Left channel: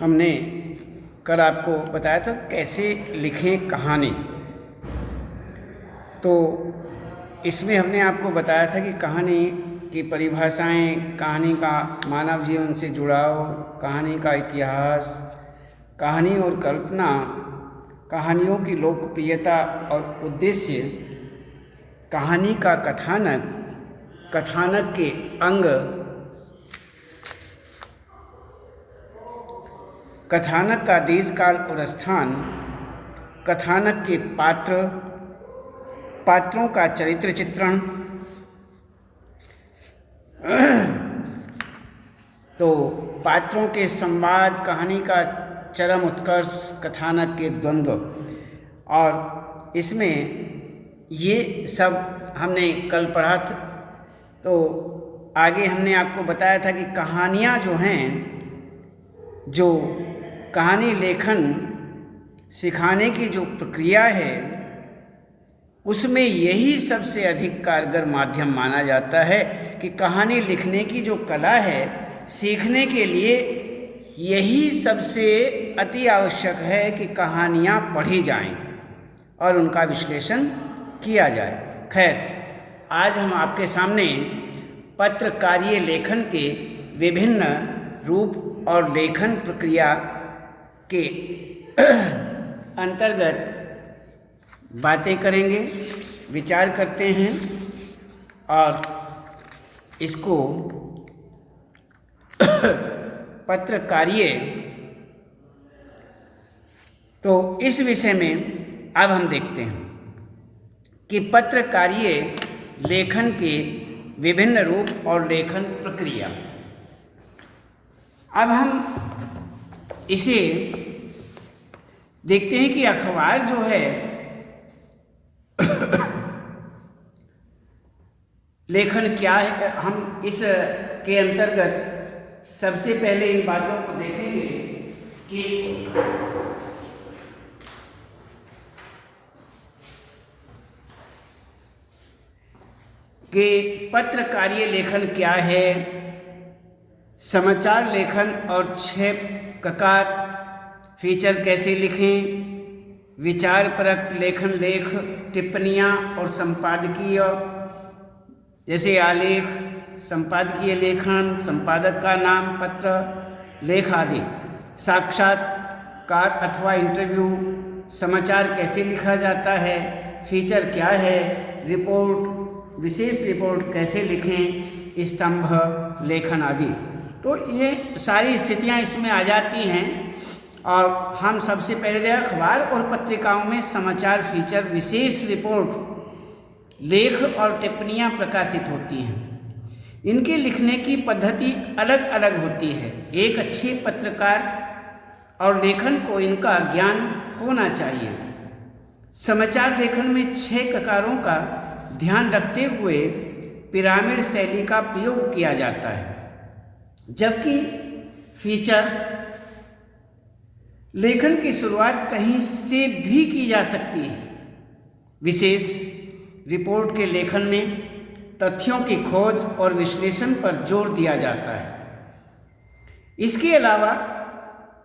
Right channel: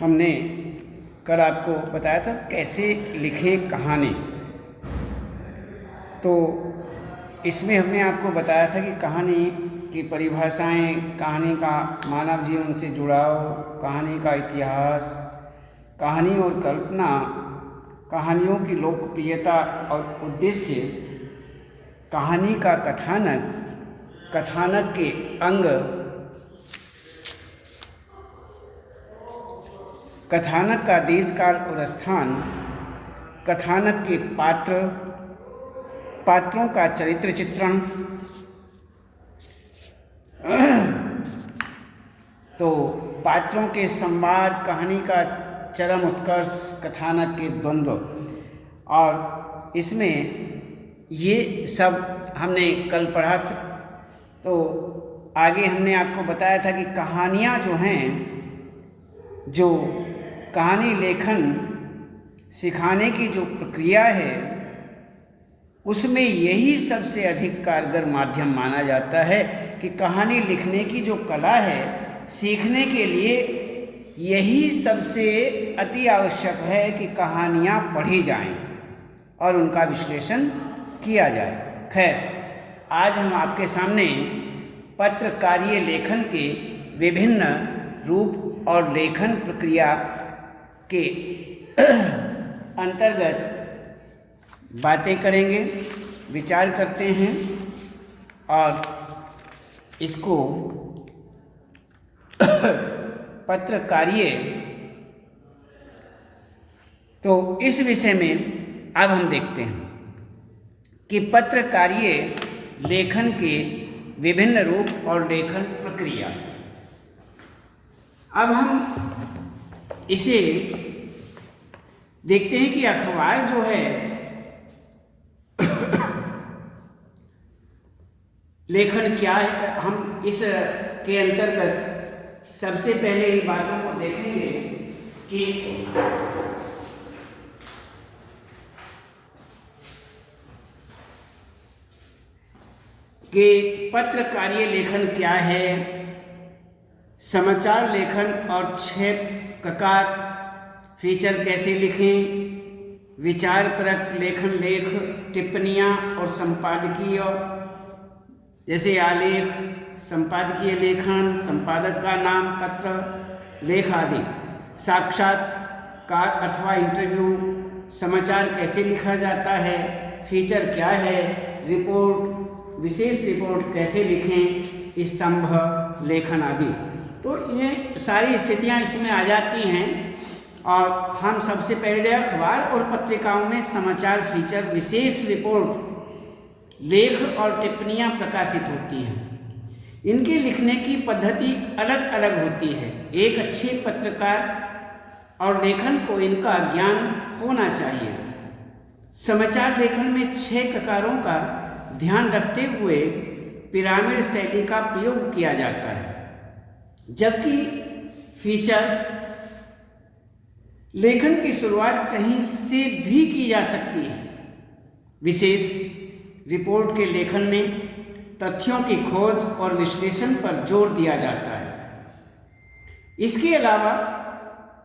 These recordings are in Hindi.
हमने कल आपको बताया था कैसे लिखें कहानी। तो इसमें हमने आपको बताया था कि कहानी की परिभाषाएं, कहानी का मानव जीवन से जुड़ाव, कहानी का इतिहास, कहानी और कल्पना, कहानियों की लोकप्रियता और उद्देश्य, कहानी का कथानक, कथानक के अंग, कथानक का देश काल और स्थान, कथानक के पात्र, पात्रों का चरित्र चित्रण। तो पात्रों के संवाद, कहानी का चरम उत्कर्ष, कथानक के द्वंद्व, और इसमें ये सब हमने कल पढ़ा था। तो आगे हमने आपको बताया था कि कहानियाँ जो हैं, जो कहानी लेखन सिखाने की जो प्रक्रिया है, उसमें यही सबसे अधिक कारगर माध्यम माना जाता है कि कहानी लिखने की जो कला है, सीखने के लिए यही सबसे अति आवश्यक है कि कहानियाँ पढ़ी जाएं और उनका विश्लेषण किया जाए। खैर, आज हम आपके सामने पत्रकारीय लेखन के विभिन्न रूप और लेखन प्रक्रिया के अंतर्गत बातें करेंगे, विचार करते हैं और इसको पत्रकारीय, तो इस विषय में अब हम देखते हैं कि पत्रकारीय लेखन के विभिन्न रूप और लेखन प्रक्रिया। अब हम इसे देखते हैं कि अखबार जो है लेखन क्या है। हम इस के अंतर्गत सबसे पहले इन बातों को देखेंगे कि पत्रकारीय लेखन क्या है, समाचार लेखन और 6 प्रकार, फीचर कैसे लिखें, विचारपरक लेखन, लेख, टिप्पणियाँ और संपादकीय, जैसे आलेख, संपादकीय लेखन, संपादक का नाम, पत्र लेख आदि, साक्षात्कार अथवा इंटरव्यू, समाचार कैसे लिखा जाता है, फीचर क्या है, रिपोर्ट, विशेष रिपोर्ट कैसे लिखें, स्तंभ लेखन आदि। तो ये सारी स्थितियां इसमें आ जाती हैं। और हम सबसे पहले देखें, अखबार और पत्रिकाओं में समाचार, फीचर, विशेष रिपोर्ट, लेख और टिप्पणियां प्रकाशित होती हैं। इनके लिखने की पद्धति अलग अलग होती है। एक अच्छे पत्रकार और लेखन को इनका ज्ञान होना चाहिए। समाचार लेखन में 6 प्रकारों का ध्यान रखते हुए पिरामिड शैली का प्रयोग किया जाता है, जबकि फीचर लेखन की शुरुआत कहीं से भी की जा सकती है। विशेष रिपोर्ट के लेखन में तथ्यों की खोज और विश्लेषण पर जोर दिया जाता है। इसके अलावा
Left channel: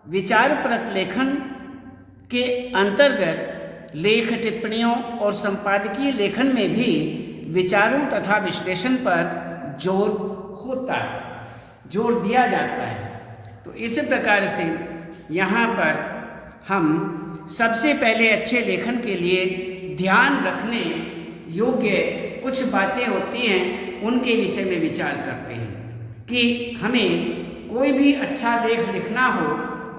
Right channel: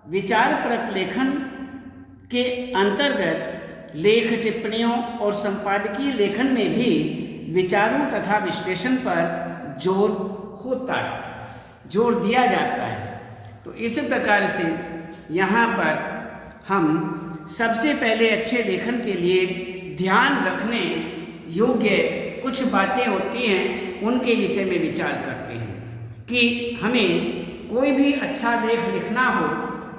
विचारपरक लेखन के अंतर्गत लेख, टिप्पणियों और संपादकीय लेखन में भी विचारों तथा विश्लेषण पर जोर होता है, जोर दिया जाता है। तो इस प्रकार से यहाँ पर हम सबसे पहले अच्छे लेखन के लिए ध्यान रखने योग्य कुछ बातें होती हैं, उनके विषय में विचार करते हैं कि हमें कोई भी अच्छा लेख लिखना हो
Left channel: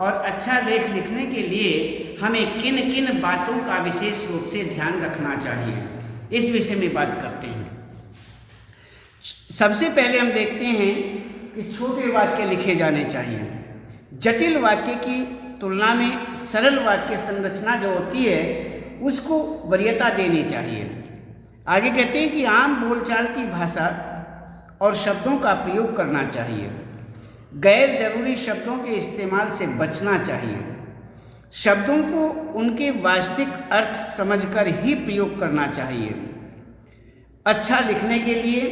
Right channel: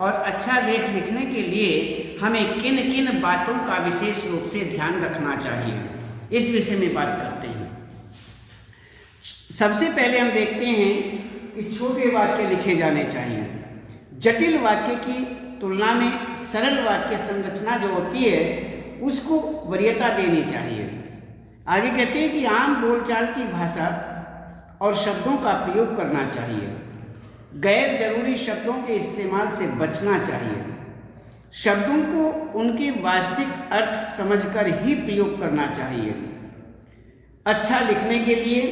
और अच्छा लेख लिखने के लिए हमें किन किन बातों का विशेष रूप से ध्यान रखना चाहिए, इस विषय में बात करते हैं। सबसे पहले हम देखते हैं कि छोटे वाक्य लिखे जाने चाहिए। जटिल वाक्य की तुलना में सरल वाक्य संरचना जो होती है, उसको वरीयता देनी चाहिए। आगे कहते हैं कि आम बोलचाल की भाषा और शब्दों का प्रयोग करना चाहिए। गैर जरूरी शब्दों के इस्तेमाल से बचना चाहिए। शब्दों को उनके वास्तविक अर्थ समझकर ही प्रयोग करना चाहिए। अच्छा लिखने के लिए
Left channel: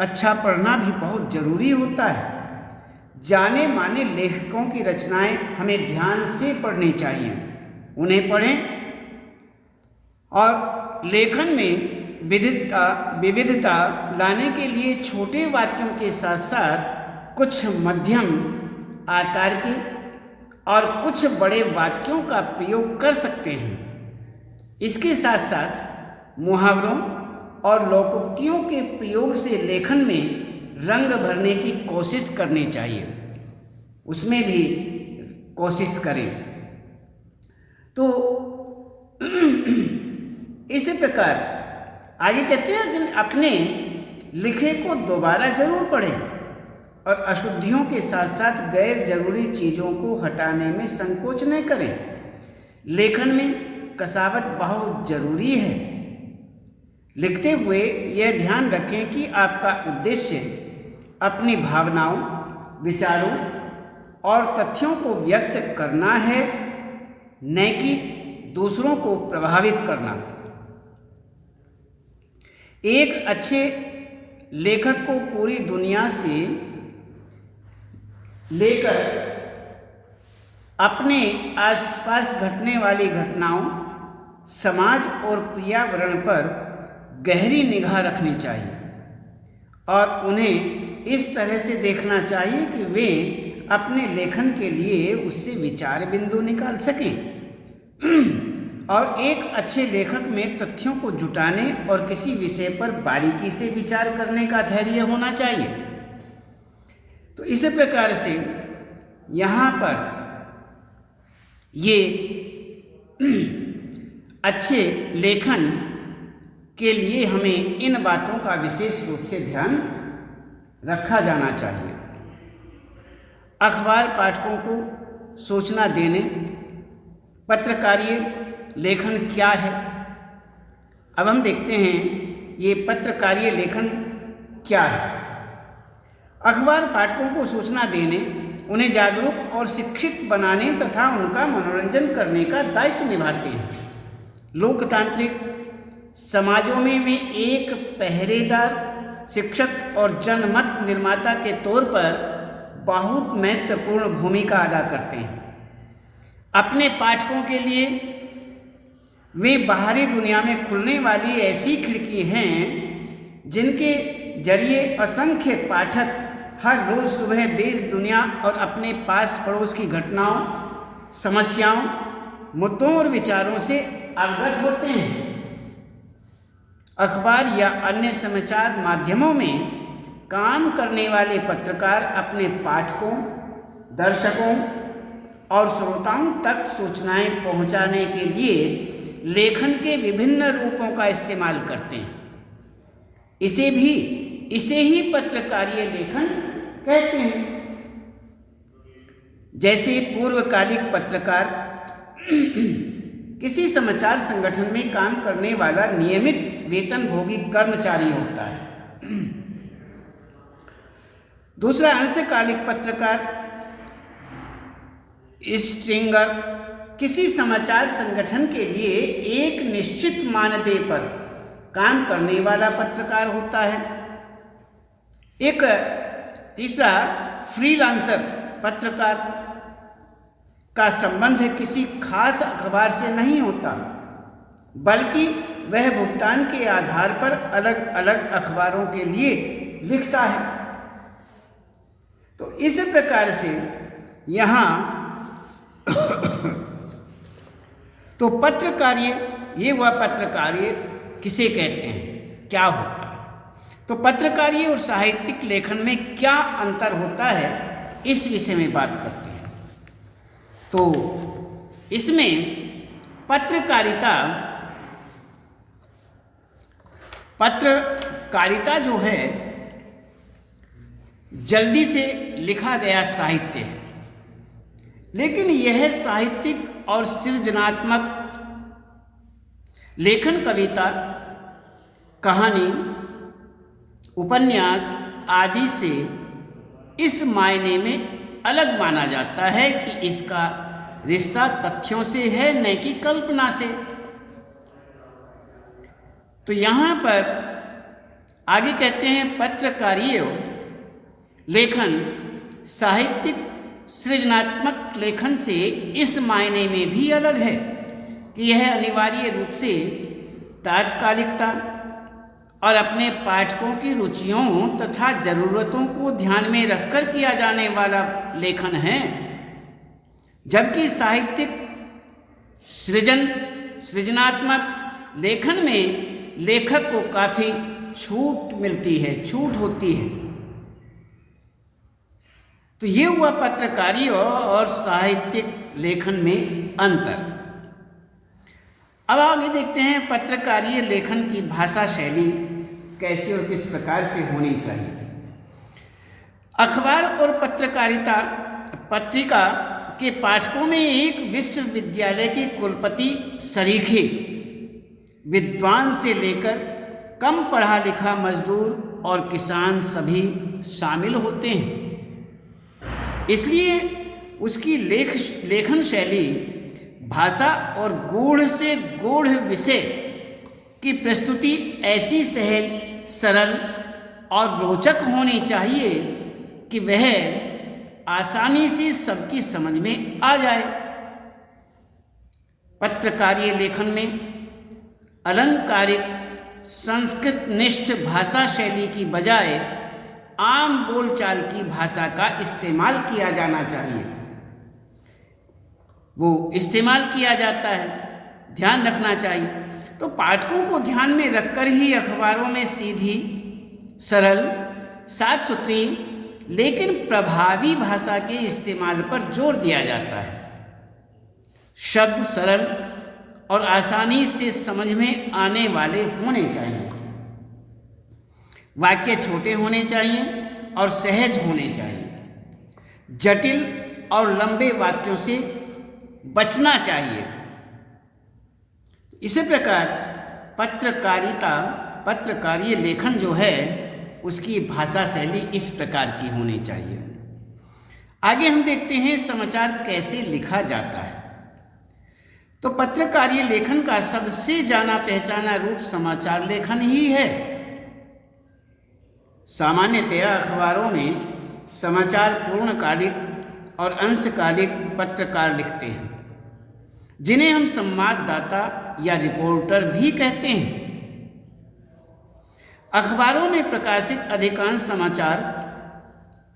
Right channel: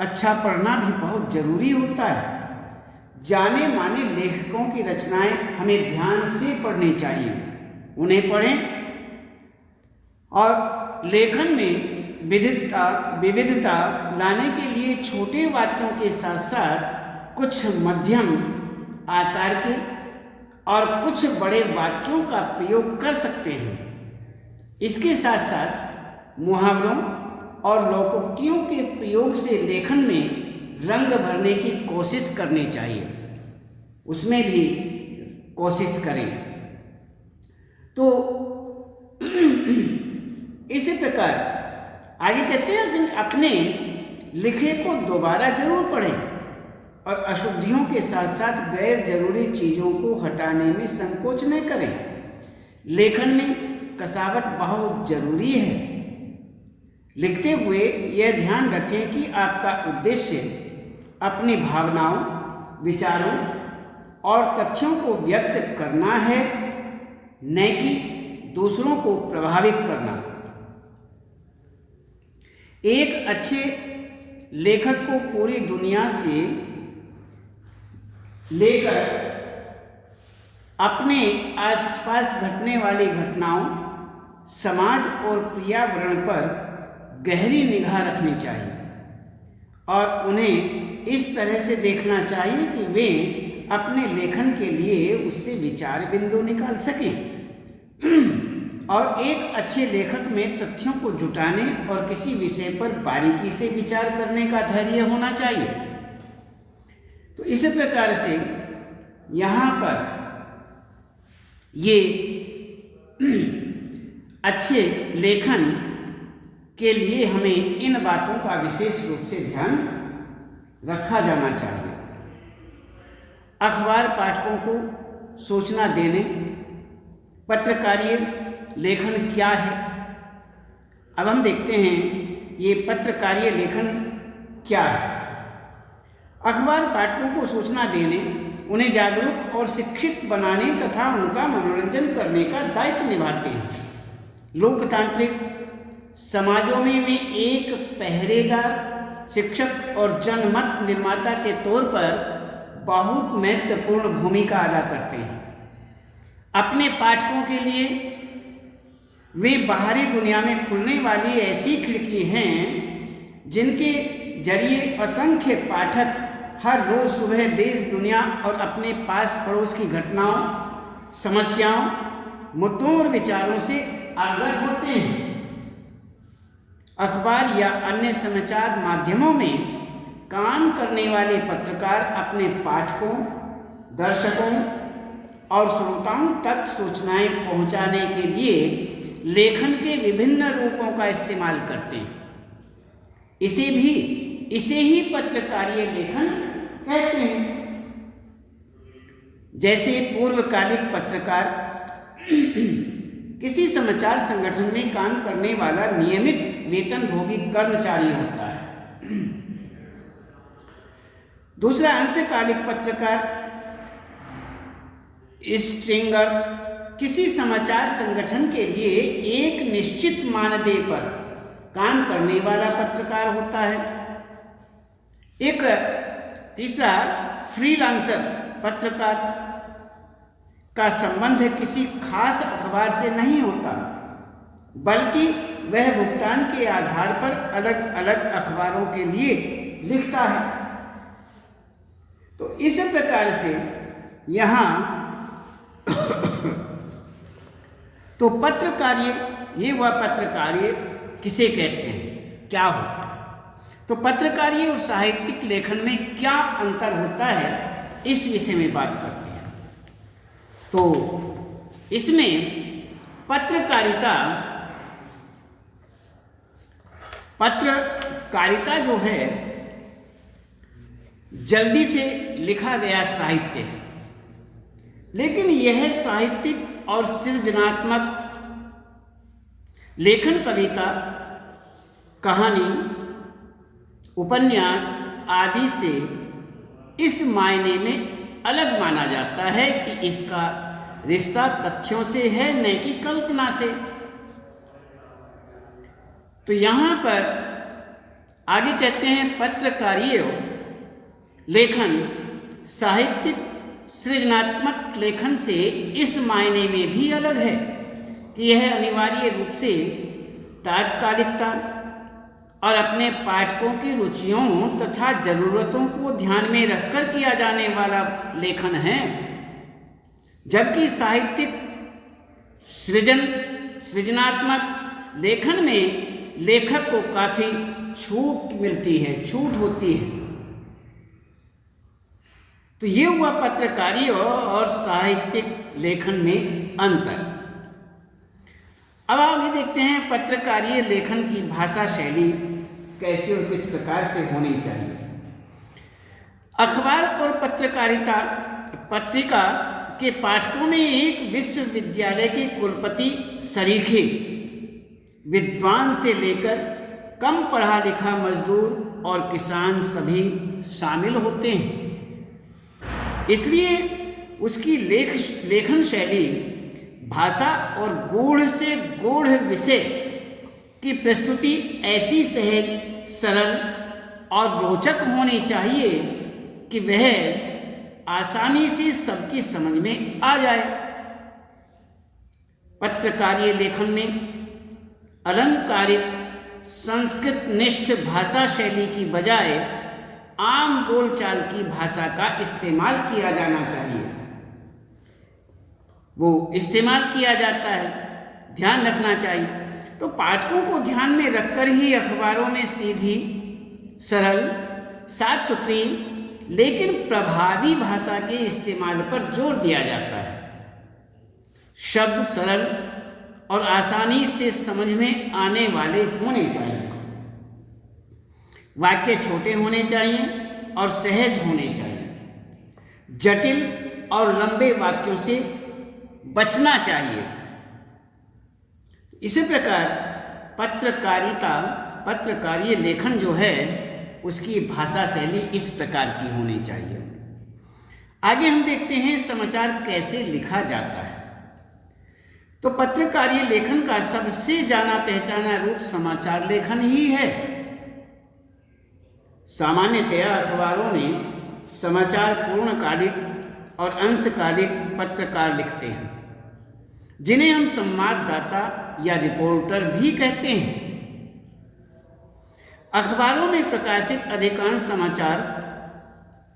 अच्छा पढ़ना भी बहुत जरूरी होता है। जाने माने लेखकों की रचनाएं हमें ध्यान से पढ़नी चाहिए, उन्हें पढ़ें और लेखन में विविधता लाने के लिए छोटे वाक्यों के साथ साथ कुछ मध्यम आकार के और कुछ बड़े वाक्यों का प्रयोग कर सकते हैं। इसके साथ साथ मुहावरों और लोकोक्तियों के प्रयोग से लेखन में रंग भरने की कोशिश करनी चाहिए, उसमें भी कोशिश करें। तो इसी प्रकार आगे कहते हैं कि अपने लिखे को दोबारा जरूर पढ़ें और अशुद्धियों के साथ साथ गैर जरूरी चीज़ों को हटाने में संकोच न करें। लेखन में कसावट बहुत जरूरी है। लिखते हुए यह ध्यान रखें कि आपका उद्देश्य अपनी भावनाओं, विचारों और तथ्यों को व्यक्त करना है, न कि दूसरों को प्रभावित करना। एक अच्छे लेखक को पूरी दुनिया से लेकर अपने आसपास घटने वाली घटनाओं, समाज और पर्यावरण पर गहरी निगाह रखनी चाहिए और उन्हें इस तरह से देखना चाहिए कि वे अपने लेखन के लिए उससे विचार बिंदु निकाल सकें। और एक अच्छे लेखक में तथ्यों को जुटाने और किसी विषय पर बारीकी से विचार करने का धैर्य होना चाहिए। तो इसी प्रकार से यहाँ पर ये अच्छे लेखन के लिए हमें इन बातों का विशेष रूप से ध्यान रखा जाना चाहिए। अखबार पाठकों को सूचना देने, पत्रकारीय लेखन क्या है। अब हम देखते हैं ये पत्रकारीय लेखन क्या है। अखबार पाठकों को सूचना देने, उन्हें जागरूक और शिक्षित बनाने तथा उनका मनोरंजन करने का दायित्व निभाते हैं। लोकतांत्रिक समाजों में वे एक पहरेदार, शिक्षक और जनमत निर्माता के तौर पर बहुत महत्वपूर्ण भूमिका अदा करते हैं। अपने पाठकों के लिए वे बाहरी दुनिया में खुलने वाली ऐसी खिड़की हैं जिनके जरिए असंख्य पाठक हर रोज सुबह देश दुनिया और अपने पास पड़ोस की घटनाओं, समस्याओं, मुद्दों और विचारों से अवगत होते हैं। अखबार या अन्य समाचार माध्यमों में काम करने वाले पत्रकार अपने पाठकों, दर्शकों और श्रोताओं तक सूचनाएं पहुंचाने के लिए लेखन के विभिन्न रूपों का इस्तेमाल करते हैं। इसे ही पत्रकारीय लेखन कहते हैं। जैसे पूर्वकालिक पत्रकार किसी समाचार संगठन में काम करने वाला नियमित वेतनभोगी कर्मचारी होता है। दूसरा अंशकालिक पत्रकार स्ट्रिंगर किसी समाचार संगठन के लिए एक निश्चित मानदेय पर काम करने वाला पत्रकार होता है। एक तीसरा फ्रीलांसर पत्रकार का संबंध किसी खास अखबार से नहीं होता, बल्कि वह भुगतान के आधार पर अलग अलग अखबारों के लिए लिखता है। तो इस प्रकार से यहाँ तो पत्रकारीय, ये वह पत्रकारीय किसे कहते हैं, क्या होता है। तो पत्रकारीय और साहित्यिक लेखन में क्या अंतर होता है, इस विषय में बात करते हैं। तो इसमें पत्रकारिता जो है जल्दी से लिखा गया साहित्य है, लेकिन यह साहित्यिक और सृजनात्मक लेखन कविता, कहानी, उपन्यास आदि से इस मायने में अलग माना जाता है कि इसका रिश्ता तथ्यों से है, न कि कल्पना से। तो यहाँ पर आगे कहते हैं पत्रकारीय लेखन साहित्यिक सृजनात्मक लेखन से इस मायने में भी अलग है कि यह अनिवार्य रूप से तात्कालिकता और अपने पाठकों की रुचियों तथा जरूरतों को ध्यान में रखकर किया जाने वाला लेखन है, जबकि साहित्यिक सृजनात्मक लेखन में लेखक को काफी छूट होती है। तो ये हुआ पत्रकारिता और साहित्यिक लेखन में अंतर। अब आगे देखते हैं पत्रकारीय लेखन की भाषा शैली कैसी और किस प्रकार से होनी चाहिए। अखबार और पत्रिका के पाठकों में एक विश्वविद्यालय के कुलपति सरीखे विद्वान से लेकर कम पढ़ा लिखा मजदूर और किसान सभी शामिल होते हैं। इसलिए उसकी लेखन शैली भाषा और गूढ़ से गूढ़ विषय की प्रस्तुति ऐसी सहज, सरल और रोचक होनी चाहिए कि वह आसानी से सबकी समझ में आ जाए। पत्रकारीय लेखन में अलंकारिक संस्कृत निष्ठ भाषा शैली की बजाय आम बोलचाल की भाषा का इस्तेमाल किया जाना चाहिए। वो इस्तेमाल किया जाता है, ध्यान रखना चाहिए। तो पाठकों को ध्यान में रखकर ही अखबारों में सीधी, सरल, साफ सुथरी लेकिन प्रभावी भाषा के इस्तेमाल पर जोर दिया जाता है। शब्द सरल और आसानी से समझ में आने वाले होने चाहिए। वाक्य छोटे होने चाहिए और सहज होने चाहिए। जटिल और लंबे वाक्यों से बचना चाहिए। इसी प्रकार पत्रकारीय लेखन जो है उसकी भाषा शैली इस प्रकार की होनी चाहिए। आगे हम देखते हैं समाचार कैसे लिखा जाता है। तो पत्रकारीय लेखन का सबसे जाना पहचाना रूप समाचार लेखन ही है। सामान्यतया अखबारों में समाचार पूर्णकालिक और अंशकालिक पत्रकार लिखते हैं, जिन्हें हम संवाददाता या रिपोर्टर भी कहते हैं। अखबारों में प्रकाशित अधिकांश समाचार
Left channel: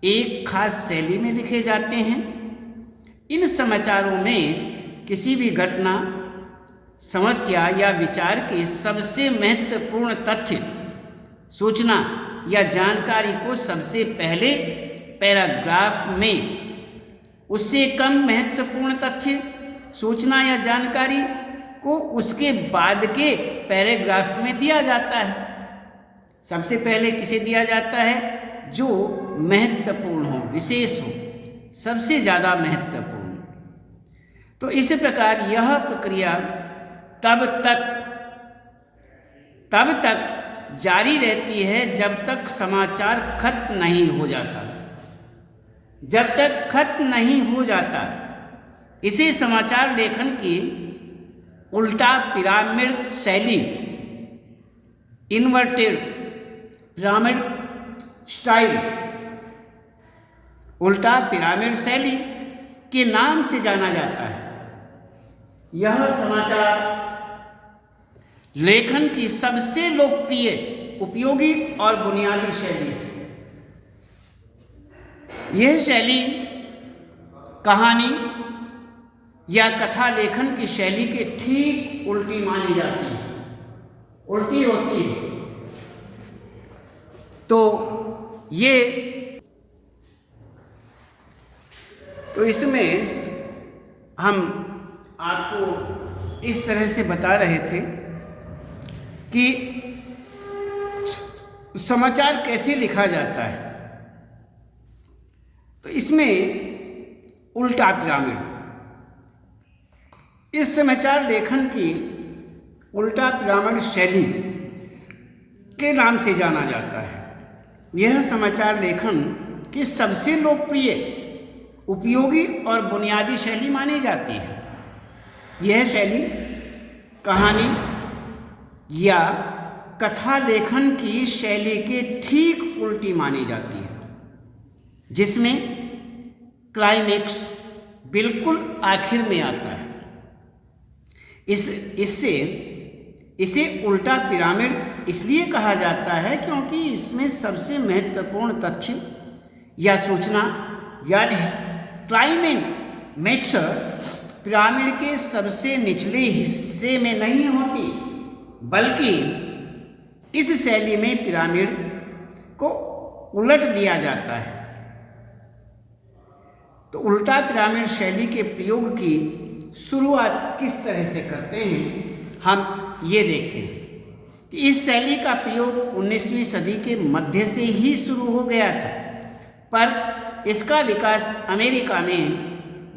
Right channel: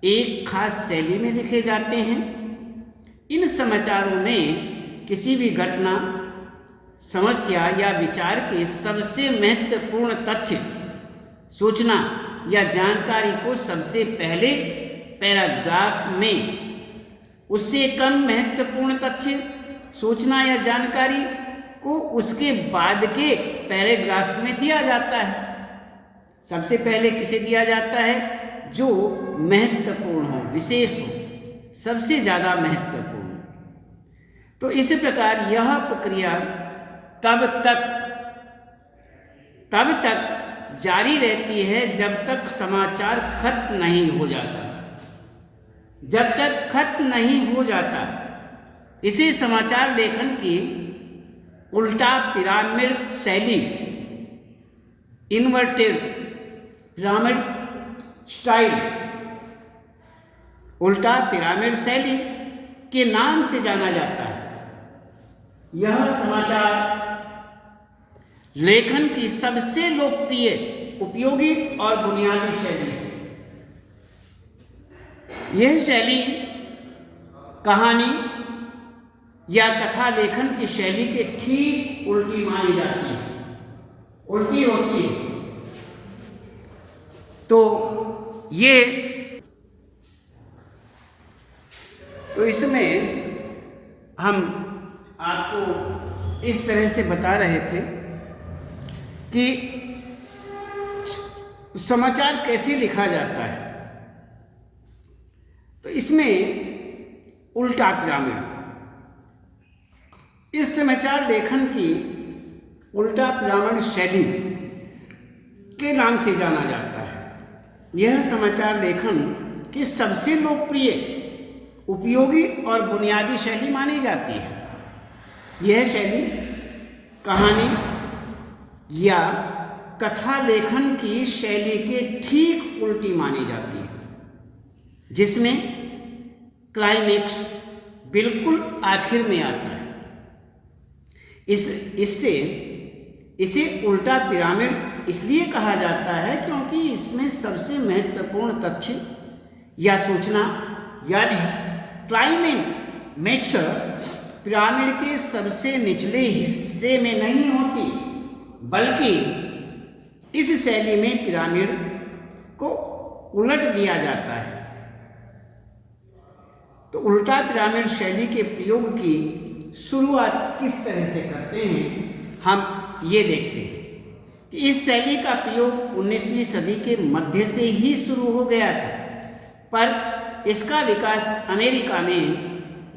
एक खास शैली में लिखे जाते हैं। इन समाचारों में किसी भी घटना, समस्या या विचार के सबसे महत्वपूर्ण तथ्य, सूचना या जानकारी को सबसे पहले पैराग्राफ में, उससे कम महत्वपूर्ण तथ्य, सूचना या जानकारी को उसके बाद के पैराग्राफ में दिया जाता है। सबसे पहले किसे दिया जाता है? जो महत्वपूर्ण हो, विशेष हो, सबसे ज़्यादा महत्वपूर्ण। तो इस प्रकार यह प्रक्रिया तब तक जारी रहती है जब तक समाचार खत्म नहीं हो जाता। जब तक खत्म नहीं हो जाता इसे समाचार लेखन की उल्टा पिरामिड शैली, इन्वर्टेड पिरामिड स्टाइल, उल्टा पिरामिड शैली के नाम से जाना जाता है। यह समाचार लेखन की सबसे लोकप्रिय, उपयोगी और बुनियादी शैली है। यह शैली कहानी या कथा लेखन की शैली के ठीक उल्टी मानी जाती है, उल्टी होती है। तो इसमें हम आपको इस तरह से बता रहे थे कि समाचार कैसे लिखा जाता है। तो इसमें उल्टा पिरामिड, इस समाचार लेखन की उल्टा पिरामिड शैली के नाम से जाना जाता है। यह समाचार लेखन की सबसे लोकप्रिय, उपयोगी और बुनियादी शैली मानी जाती है। यह शैली कहानी या कथा लेखन की शैली के ठीक उल्टी मानी जाती है, जिसमें क्लाइमेक्स बिल्कुल आखिर में आता है। इससे इसे उल्टा पिरामिड इसलिए कहा जाता है क्योंकि इसमें सबसे महत्वपूर्ण तथ्य या सूचना यानी क्लाइमेक्स पिरामिड के सबसे निचले हिस्से में नहीं होती, बल्कि इस शैली में पिरामिड को उलट दिया जाता है। तो उल्टा पिरामिड शैली के प्रयोग की शुरुआत किस तरह से करते हैं, हम ये देखते हैं कि इस शैली का प्रयोग 19वीं सदी के मध्य से ही शुरू हो गया था, पर इसका विकास अमेरिका में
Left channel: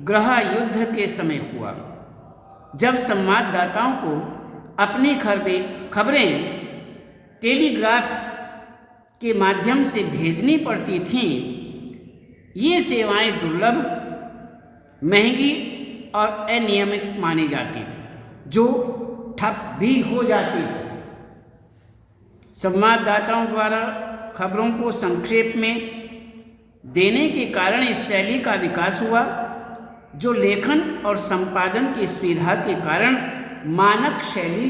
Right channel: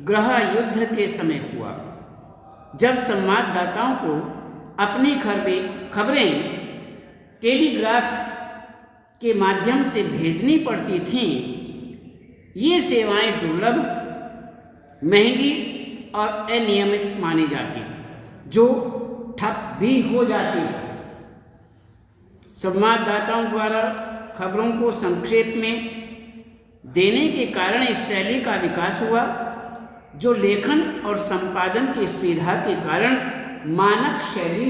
गृह युद्ध के समय हुआ, जब संवाददाताओं को अपनी खबरें टेलीग्राफ के माध्यम से भेजनी पड़ती थीं। ये सेवाएं दुर्लभ, महंगी और अनियमित मानी जाती थी, जो ठप भी हो जाती थी। संवाददाताओं द्वारा खबरों को संक्षेप में देने के कारण इस शैली का विकास हुआ, जो लेखन और संपादन की सुविधा के कारण मानक शैली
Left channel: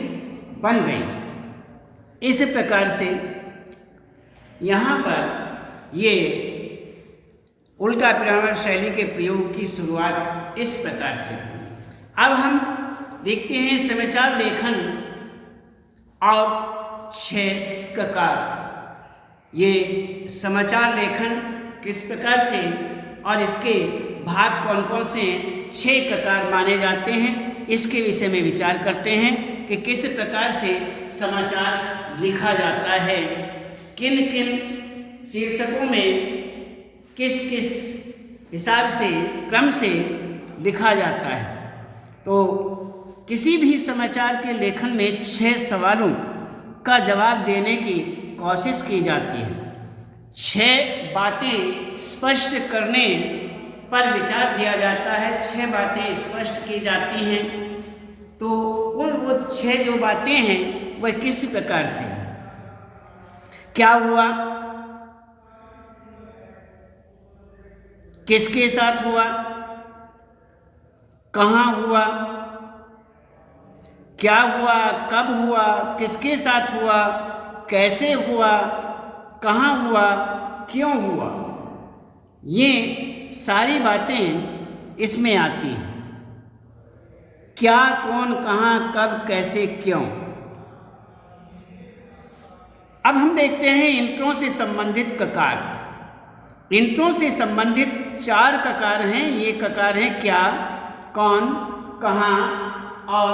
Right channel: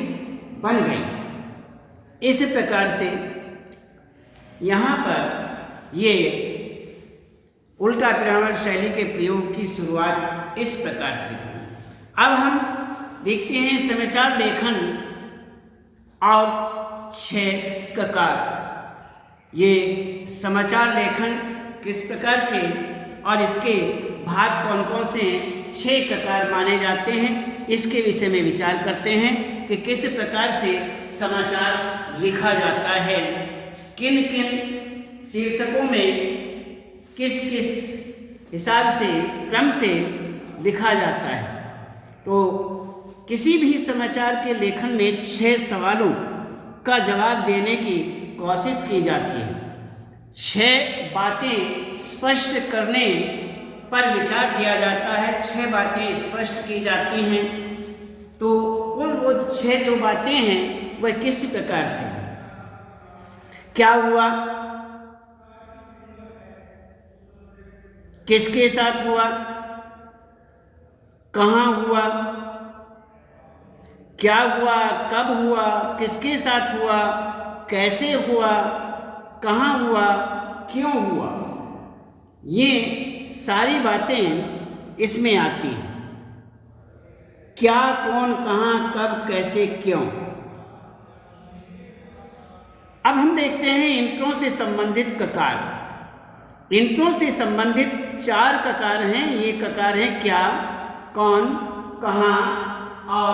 बन गई। इस प्रकार से यहाँ पर ये उल्टा पिरामिड शैली के प्रयोग की शुरुआत इस प्रकार से। अब हम देखते हैं समाचार लेखन और 6 ककार। ये समाचार लेखन किस प्रकार से और इसके भाग कौन कौन से 6 ककार माने जाते हैं, इसके विषय में विचार करते हैं कि किस प्रकार से समाचार लिखा जाता है, किन किन शीर्षकों में किस किस हिसाब से क्रम से लिखा जाता है। तो किसी भी समाचार के लेखन में 6 सवालों का जवाब देने की कोशिश की जाती है। 6 बातें स्पष्ट करने पर विचार किया जाता है, 6 बातें स्पष्ट की जाती हैं। तो वो 6 जो बातें हैं वह किस प्रकार से, क्या हुआ, किसके साथ हुआ, कहाँ हुआ, क्या हुआ, कब हुआ, किसके साथ हुआ, कैसे हुआ, कहाँ हुआ, क्यों हुआ, ये सारी बातें इसमें आती हैं। क्या, कौन, कहाँ, कब, कैसे, क्यों। अब हम देखते हैं इंट्रो से संबंधित ककार। इंट्रो से संबंधित 4 ककार हैं। ये ककार हैं क्या, कौन, कहाँ और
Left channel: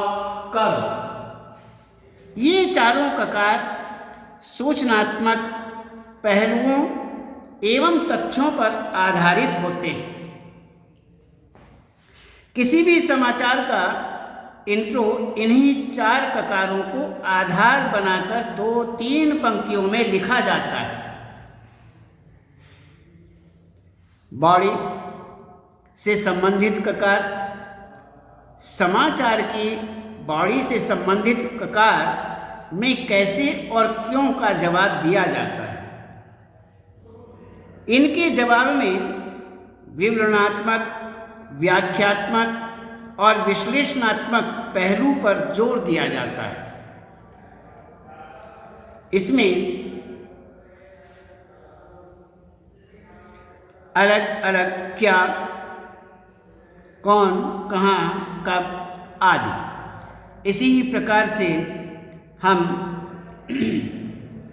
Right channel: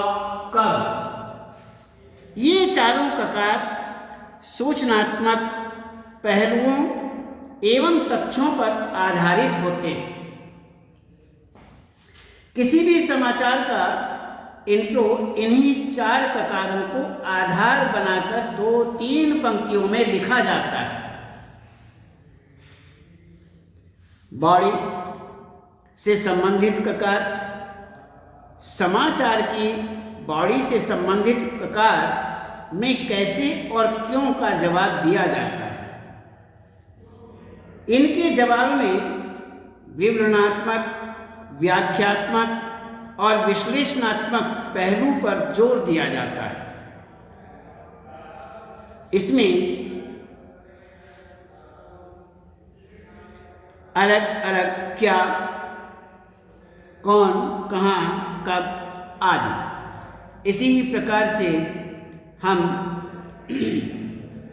कब। ये चारों ककार सूचनात्मक पहलुओं एवं तथ्यों पर आधारित होते हैं। किसी भी समाचार का इंट्रो इन्हीं 4 ककारों को आधार बनाकर 2-3 पंक्तियों में लिखा जाता है। बॉडी से संबंधित ककार, समाचार की बॉडी से संबंधित ककार में कैसे और क्यों का जवाब दिया जाता है। इनके जवाब में विवरणात्मक, व्याख्यात्मक और विश्लेषणात्मक पहलू पर जोर दिया जाता है। इसमें अलग अलग क्या, कौन, कहाँ, कब आदि। इसी ही प्रकार से हम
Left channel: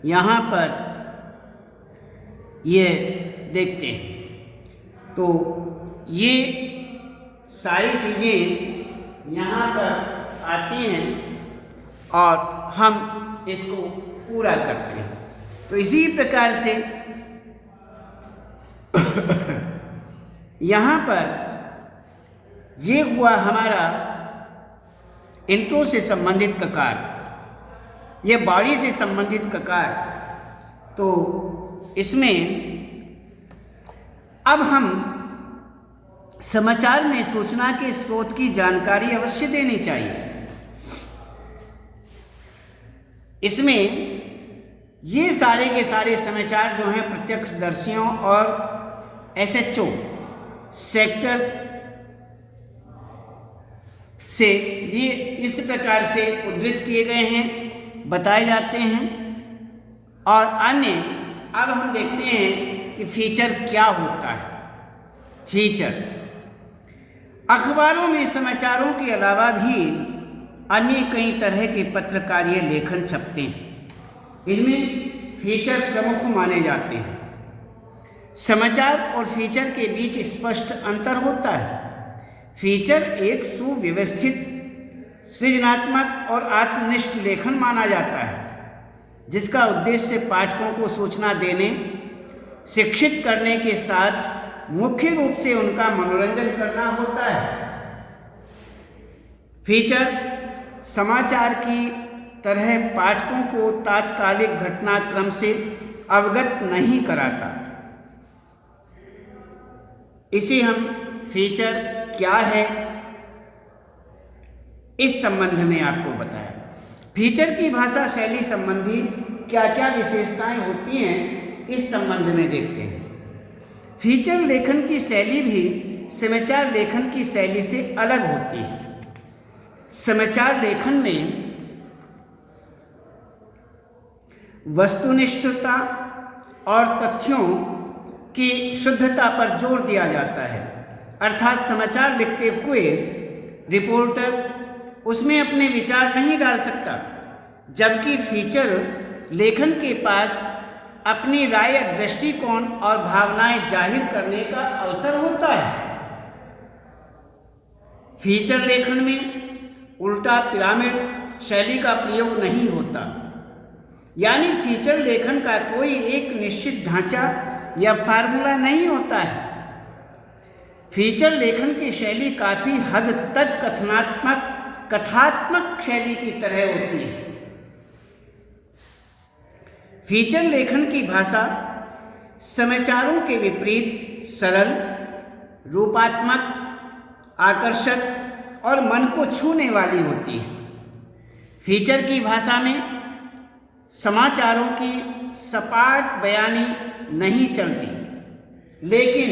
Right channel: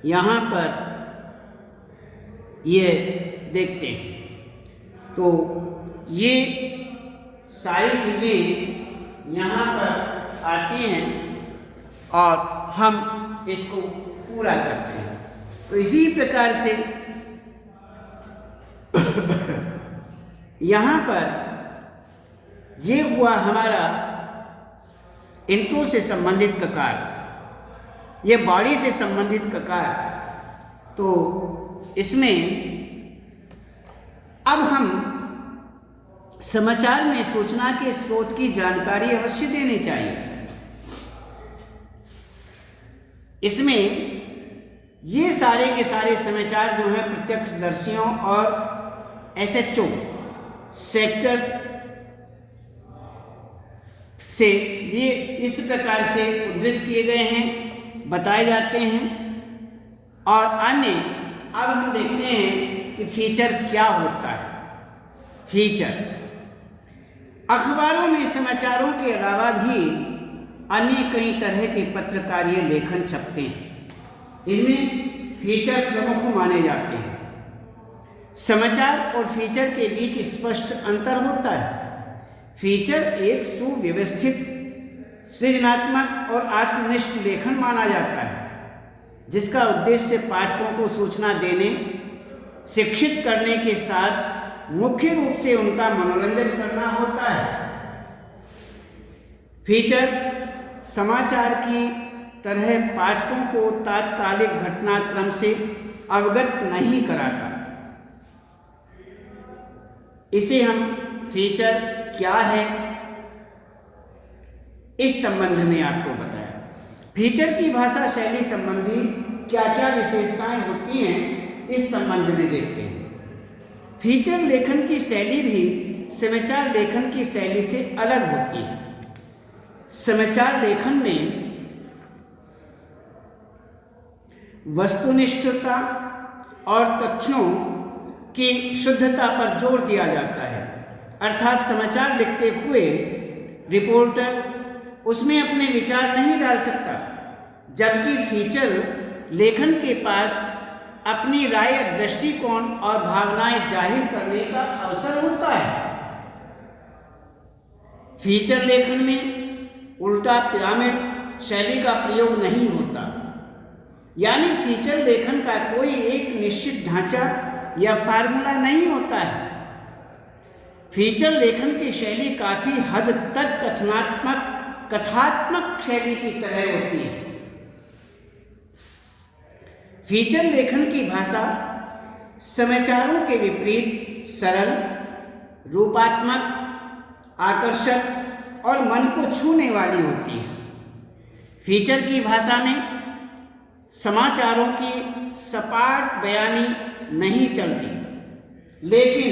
यहाँ पर ये देखते हैं। तो ये सारी चीज़ें यहाँ पर आती हैं और हम इसको पूरा करते हैं। तो इसी प्रकार से यहाँ पर ये हुआ हमारा इंट्रो से संबंधित ककार, ये बॉडी से संबंधित ककार। तो इसमें अब हम समाचार में सूचना के स्रोत की जानकारी अवश्य देनी चाहिए। इसमें ये सारे के सारे समाचार जो हैं प्रत्यक्षदर्शियों और SHO सेक्टर से लिए इस प्रकार से उद्धृत किए गए हैं, बताए जाते हैं। और अन्य अब हम देखते हैं कि फीचर क्या होता है। फीचर अखबारों में समाचारों के अलावा भी अन्य कई तरह के पत्रकारीय लेखन छपते हैं। इनमें फीचर प्रमुख माने जाते हैं। समाचार और फीचर के बीच स्पष्ट अंतर होता है। फीचर एक सुव्यवस्थित, सृजनात्मक और आत्मनिष्ठ लेखन माना जाता है, जिसका उद्देश्य पाठकों को सूचना देने, शिक्षित करने के साथ मुख्य रूप से उनका मनोरंजन करना होता है। फीचर समाचार की तरह पाठकों को तात्कालिक घटनाक्रम से अवगत नहीं कराता। इसे हम फीचर क्या है इस संबंध में आपको बताया। फीचर की भाषा शैली संबंधी क्या क्या विशेषताएं होती हैं इस संबंध में देखते हैं। फीचर लेखन की शैली भी समाचार लेखन की शैली से अलग होती है। समाचार लेखन में वस्तुनिष्ठता और तथ्यों की शुद्धता पर जोर दिया जाता है, अर्थात समाचार लिखते हुए रिपोर्टर उसमें अपने विचार नहीं डाल सकता, जबकि फीचर लेखन के पास अपनी राय, दृष्टिकोण और भावनाएं जाहिर करने का अवसर होता है। फीचर लेखन में उल्टा पिरामिड शैली का प्रयोग नहीं होता, यानी फीचर लेखन का कोई एक निश्चित ढांचा या फार्मूला नहीं होता है। फीचर लेखन की शैली काफी हद तक कथात्मक शैली की तरह होती है। फीचर लेखन की भाषा समाचारों के विपरीत सरल, रूपात्मक, आकर्षक और मन को छूने वाली होती है। फीचर की भाषा में समाचारों की सपाट बयानी नहीं चलती, लेकिन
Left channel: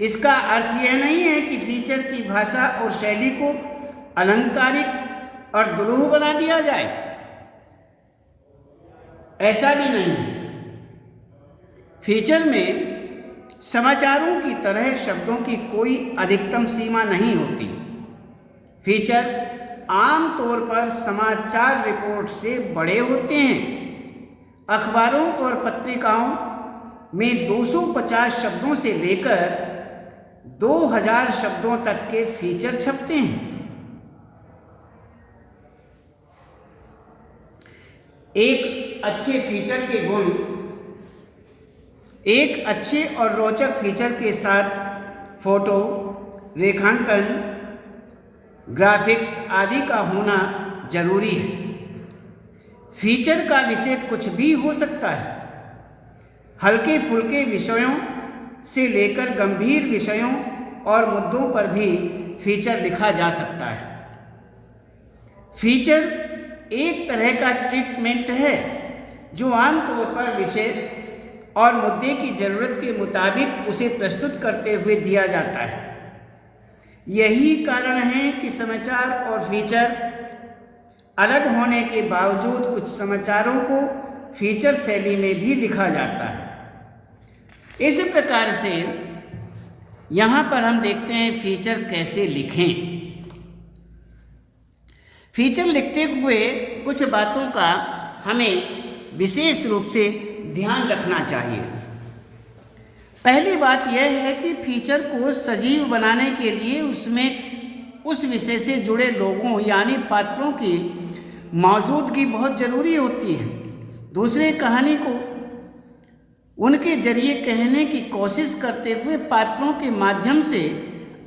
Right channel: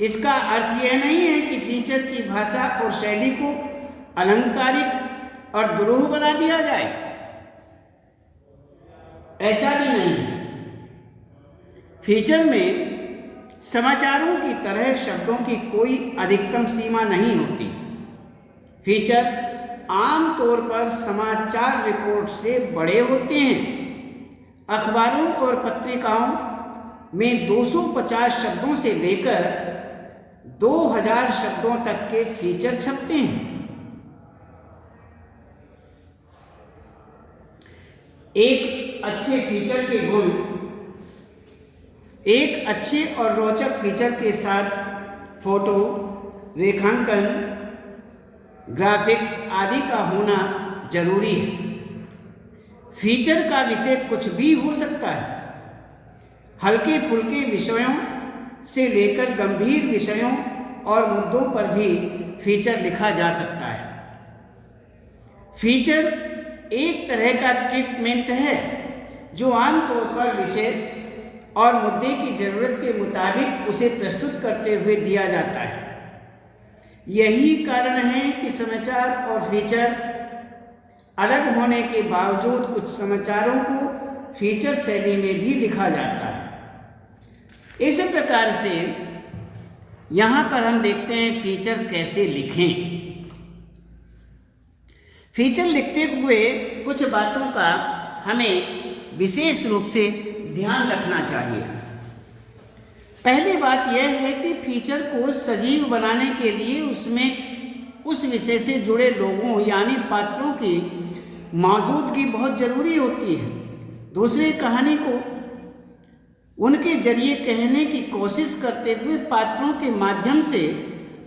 इसका अर्थ यह नहीं है कि फीचर की भाषा और शैली को अलंकारिक और दुरूह बना दिया जाए। ऐसा भी नहीं। फीचर में समाचारों की तरह शब्दों की कोई अधिकतम सीमा नहीं होती। फीचर आमतौर पर समाचार रिपोर्ट से बड़े होते हैं। अखबारों और पत्रिकाओं में 250 शब्दों से लेकर 2000 शब्दों तक के फीचर छपते हैं। एक अच्छे फीचर के गुण एक अच्छे और रोचक फीचर के साथ फोटो, रेखांकन, ग्राफिक्स आदि का होना जरूरी है। फीचर का विषय कुछ भी हो सकता है। हल्के फुल्के विषयों से लेकर गंभीर विषयों और मुद्दों पर भी फीचर लिखा जा सकता है। फीचर एक तरह का ट्रीटमेंट है जो आमतौर पर विषय और मुद्दे की जरूरत के मुताबिक उसे प्रस्तुत करते हुए दिया जाता है। यही कारण है कि समाचार और फीचर अलग होने के बावजूद कुछ समाचारों को फीचर शैली में भी लिखा जाता है। इस प्रकार से यहाँ पर हम देखते हैं फीचर कैसे लिखें। फीचर लिखते हुए कुछ बातों का हमें विशेष रूप से ध्यान रखना चाहिए। पहली बात यह है कि फीचर को सजीव बनाने के लिए उसमें उस विषय से जुड़े लोगों यानी पात्रों की मौजूदगी बहुत जरूरी होती है। दूसरे कहानी को उनके जरिए कहने की कोशिश करते हुए पात्रों के माध्यम से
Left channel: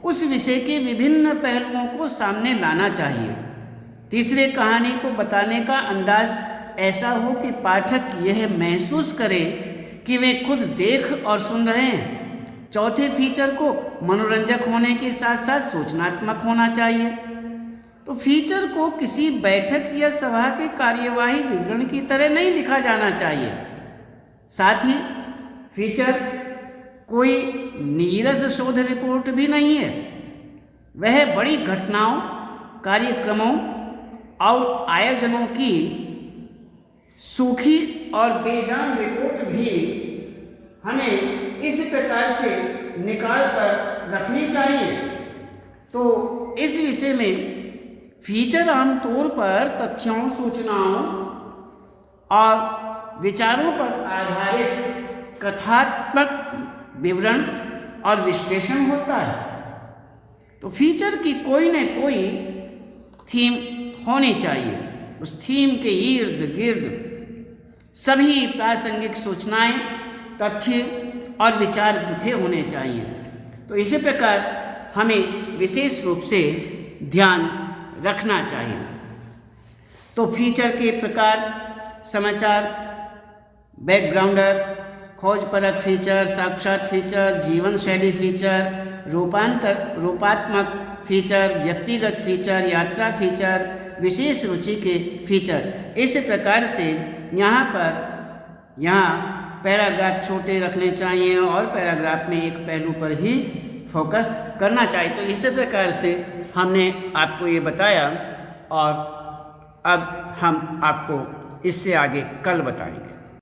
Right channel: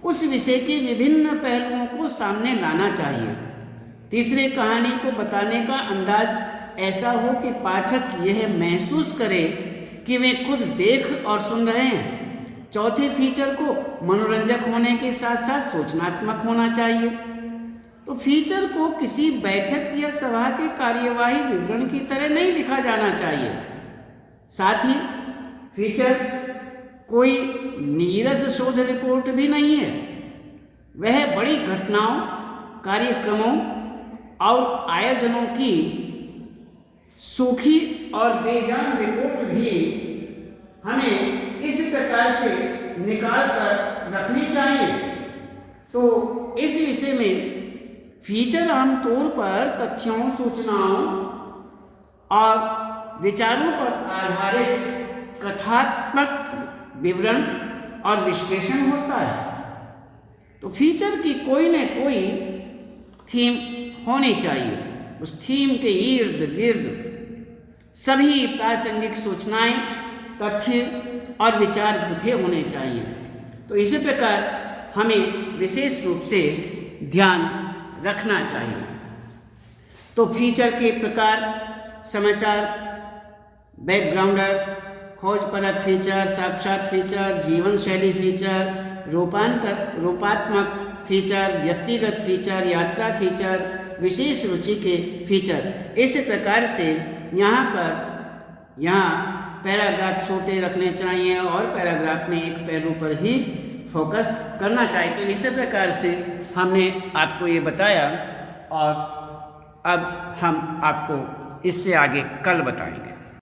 उस विषय के विभिन्न पहलुओं को सामने लाना चाहिए। तीसरे कहानी को बताने का अंदाज ऐसा हो कि पाठक यह महसूस करे कि वे खुद देख और सुन रहे हैं। चौथे फीचर को मनोरंजक होने के साथ साथ सूचनात्मक होना चाहिए। तो फीचर को किसी बैठक या सभा के कार्यवाही विवरण की तरह नहीं लिखा जाना चाहिए। साथ ही फीचर कोई नीरस शोध रिपोर्ट भी नहीं है। वह बड़ी घटनाओं, कार्यक्रमों और आयोजनों की सूखी और बेजान रिपोर्ट भी हमें इस प्रकार से निकाल कर रखनी चाहिए। तो इस विषय में फीचर आमतौर पर तथ्यों, सूचनाओं और विचारों पर आधारित कथात्मक विवरण और विश्लेषण होता है। तो फीचर की कोई न कोई थीम होनी चाहिए। उस थीम के इर्द गिर्द सभी प्रासंगिक सूचनाएं, तथ्य और विचार गुथे होने चाहिए। तो इसी प्रकार हमें विशेष रूप से ध्यान रखना चाहिए। तो फीचर के प्रकार: समाचार, बैकग्राउंडर, खोजपरक फीचर, साक्षात फीचर, जीवन शैली फीचर, रूपात्मक फीचर, व्यक्तिगत फीचर, यात्रा फीचर, विशेष रुचि के फीचर। इस प्रकार से यहाँ पैराग्राफ छोटे रखने चाहिए और पैराग्राफ में एक पहलू पर ही फोकस करना चाहिए। तो इसी प्रकार से हमने आपको ये बताया और अब हम आपको इससे आगे कल बताएंगे।